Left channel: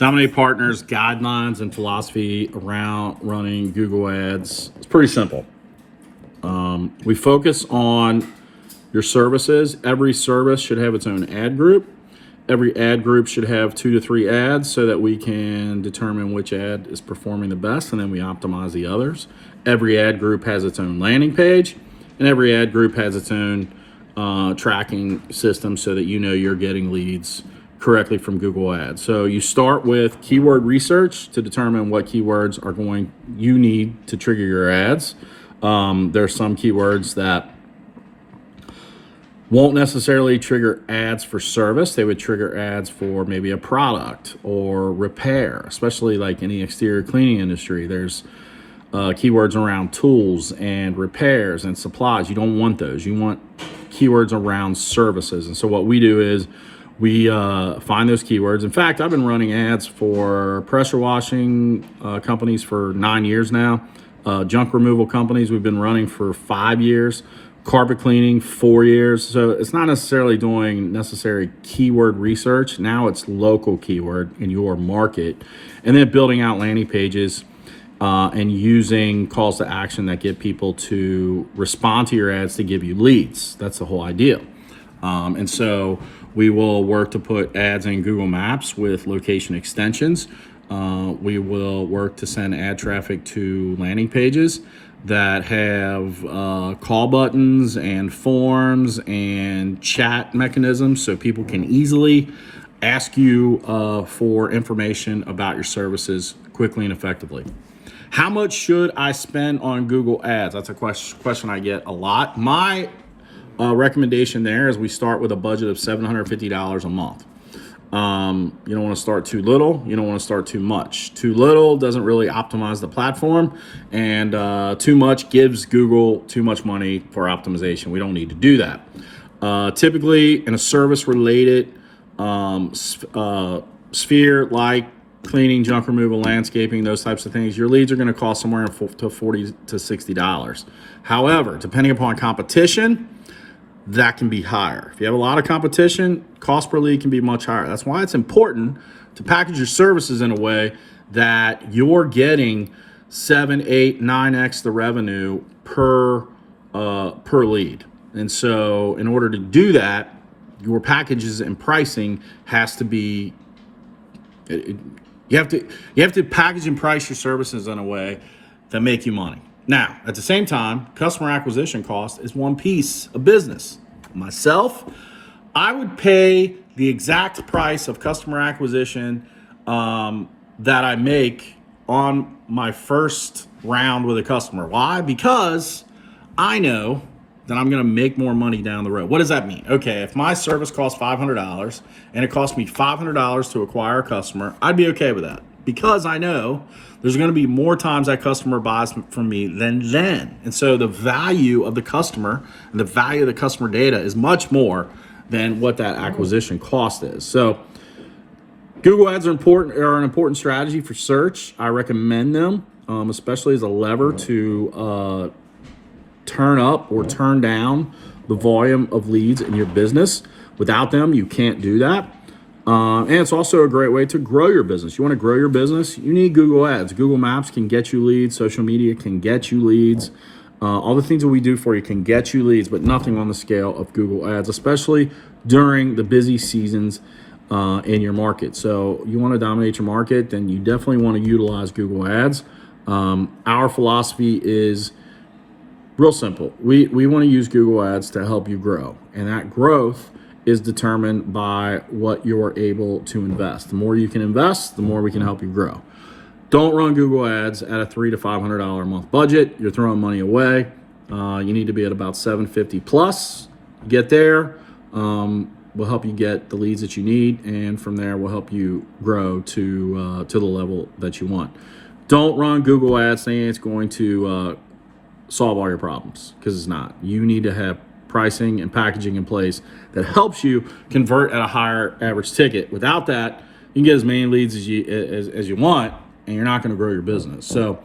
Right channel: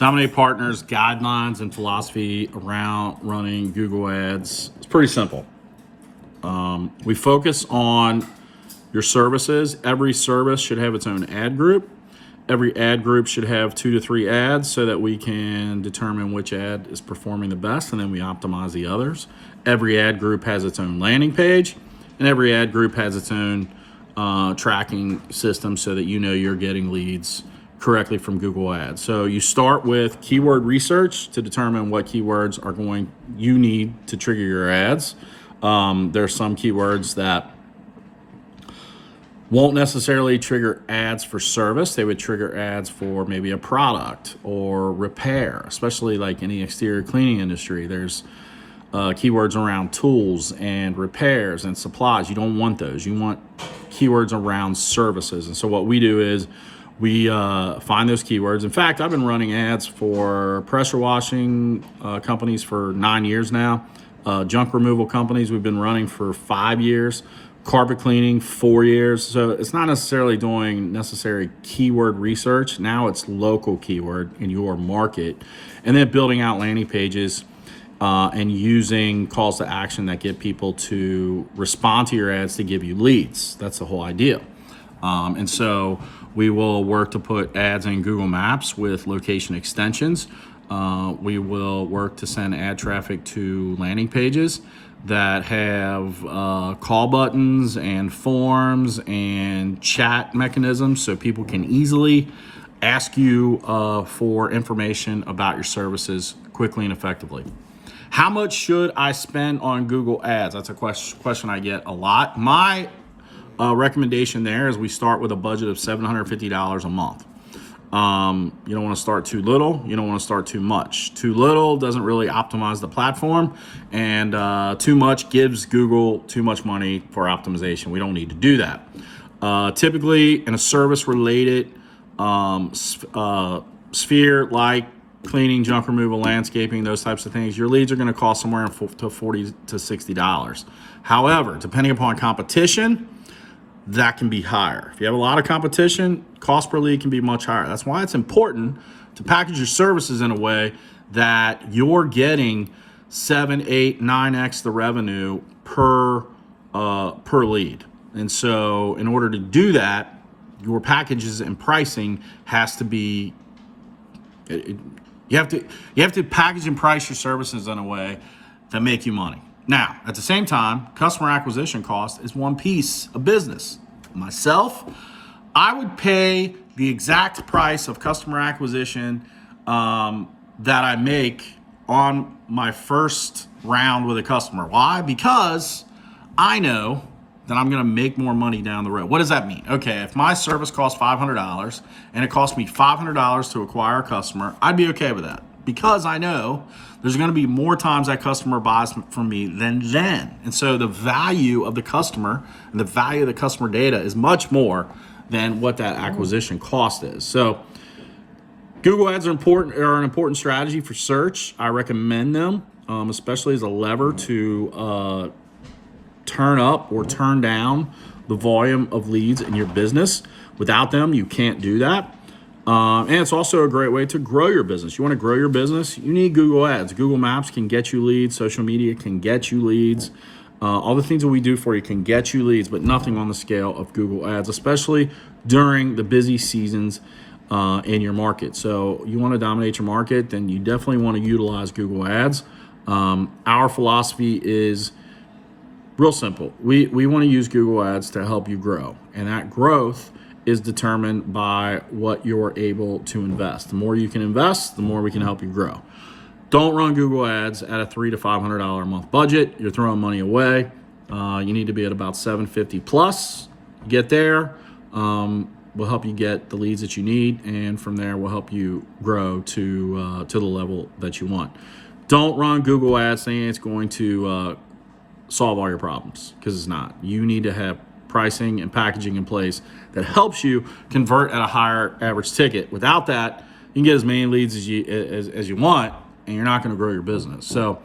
Dominate Partners guidelines and philosophy around running Google Ads. It's pretty simple. We focus on your services. Every service should have its own ad group. Every ad group should have 2 to 3 ads so that we can determine which ad is performing the best, and then we optimize the others. Every ad group has its own landing page, and every ad group has its own tracking system so that you know you're getting leads correctly from Google Ads. So you start with keyword research to determine what keywords you need to trigger your ads. There's some keywords that won't necessarily trigger ads for service. They would trigger ads for maybe a product or repair, especially like in the exterior cleaning industry. There's keywords around tools and repairs and supplies. You don't want those. You want keywords around services. And so what we do is we find those keywords. In fact, I've been running ads for pressure washing companies for 9 years now. Junk removal companies we've been running for 5 years. Carpet cleaning, 4 years. So it's not necessarily doing necessary keyword research. Now it's local keyword in your market. And then building out landing pages and using calls to action that get people to respond to your ads to give you leads. That's the whole idea. And so we will work to put ads in Google Maps with location extensions. We will work to send ad traffic to landing pages that have call buttons and forms and chat mechanisms so people can easily ask you for information about your services quickly and effectively. How much should I spend on Google Ads? That's a question I get a lot. My recommendation there is we start with a budget of $750 a month. You don't want to start too little. You don't want to start too much. Too little doesn't really optimize the platform, and too much gives Google too much money for optimization. We don't need to do that. Typically, in a service-related sphere like cleaning, junk removal, landscaping, those types of things, your leads are going to cost somewhere to $40 to $60. However, depending upon competition, that can be higher. If you have a lot of competition, cost per lead can be much higher. That's why it's important to package your services in a way that you're getting 7, 8, 9x the revenue per lead. And so in order to do that, your packages and pricing has to be, you have to package and price your services in a way that make you money. Now, at the same time, customer acquisition cost is one piece of business. Myself, I would pay the exact price of customer acquisition that I make on my first round with a customer. Why? Because I know that I'm going to make more money down the road. What does that mean? Okay, if my service costs $500 and it costs me $500 to acquire a customer, I'd be okay with that because I know there's going to be more times that customer buys from me than then. And so the value of the customer and the value of the customer data is much more than what that acquisition cost is. So Google Ads are an important strategy for search. I recommend them, especially as a lever to turn up or turn down the volume of leads in your business. Without them, you can't do that. And it's also a great way to grow your business. You want to grow your business, you need Google Ads. Google Maps can get you leads. Social media can get you leads. All the things that we do for you can get you leads, but nothing on the scale of Google Ads, especially during the busy seasons in your market. So you want to dominate your market, then you definitely want to utilize Google Ads. Our philosophy is real simple. We want to use Google Ads to help you grow, and that growth is determined by what you're able to invest. The more you can invest, the more we can help you grow. Don't run Google Ads at a $300 to $500 a month budget. You're throwing money away. You need to be at about $750 plus. Get there. We'll help you get the leads that you need, and from there we'll help you grow to the level that you want. Don't run Google Ads saying it's going to solve all your problems, because it's not. You need to have pricing and packaging in place that helps you convert at a higher average ticket. Without that, you can get as many leads as you want, and you're not going to grow your business. So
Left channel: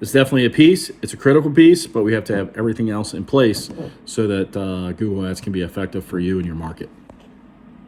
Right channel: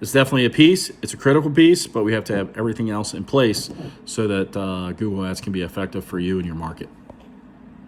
it's definitely a piece. It's a critical piece, but we have to have everything else in place so that Google Ads can be effective for you and your market.